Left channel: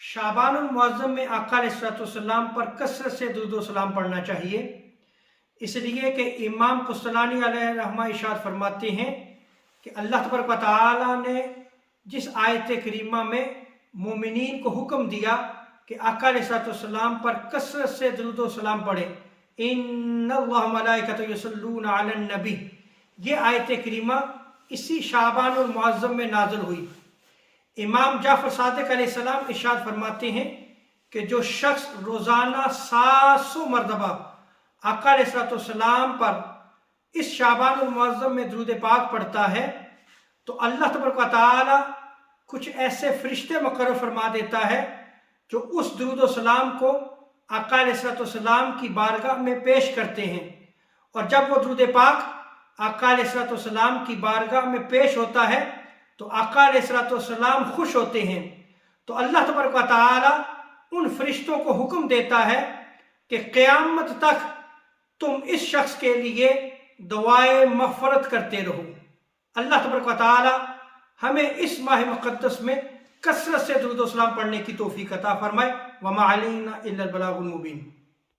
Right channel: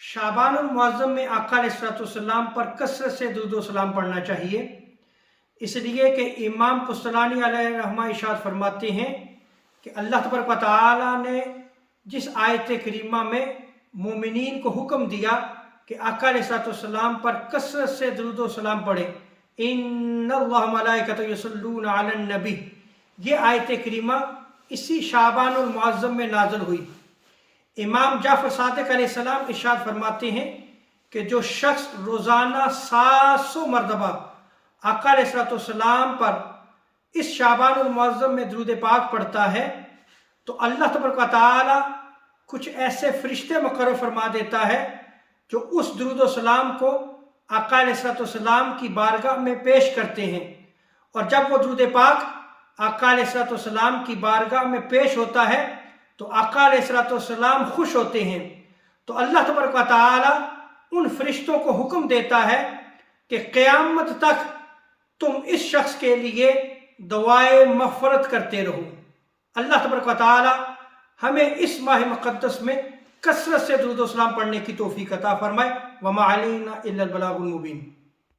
शाबानुल मुअज़्ज़म में आका अलैहिस्सलाम पर कसरत से दुरूद व सलाम पढ़ना चाहिए, इसलिए कि इमाम कुस्तलानी अलैहि रहमा इरशाद फरमाते हैं कि अल्लाह तबारक व तआला ने जिस आयत करीमा में मोमिनीन को हुक्म दिया कि आका अलैहिस्सलाम पर कसरत से दुरूद व सलाम पढ़ें, इन्नल्लाह व मलाइकतहु युसल्लूना अलन नबी, ये आयत करीमा इसी शाबानुल मुअज़्ज़म में नाज़िल हुई। इमाम जाफ़र सादिक़ अलैहिस्सलाम इरशाद फरमाते हैं कि जो शख्स रोज़ाना 700 मरतबा आका अलैहिस्सलाम पर इस शाबानुल मुअज़्ज़म में दुरूद पाक पढ़ता है तो अल्लाह तबारक व तआला कुछ ऐसे फरिश्ते मुकर्रर फरमा देता है जो उस दुरूद सलाम को आका अलैहिस्सलाम की बारगाह में पेश करते हैं, और जब वो दुरूद पाक आका अलैहिस्सलाम की बारगाह में पेश होता है तो आका अलैहिस्सलाम खुश होते हैं। तो अल्लाह तबारक व तआला उन फरिश्तों को हुक्म देता है कि क़यामत तक तुम इस शख्स के लिए दुआए मग़फ़िरत करते रहो। अल्लाह तबारक व तआला हमें इस माह मुक़द्दस में कसरत से दुरूद व सलाम पढ़ने की तौफ़ीक़ अता फ़रमाए। वमा अलैना इल्लल बलागुल मुबीन।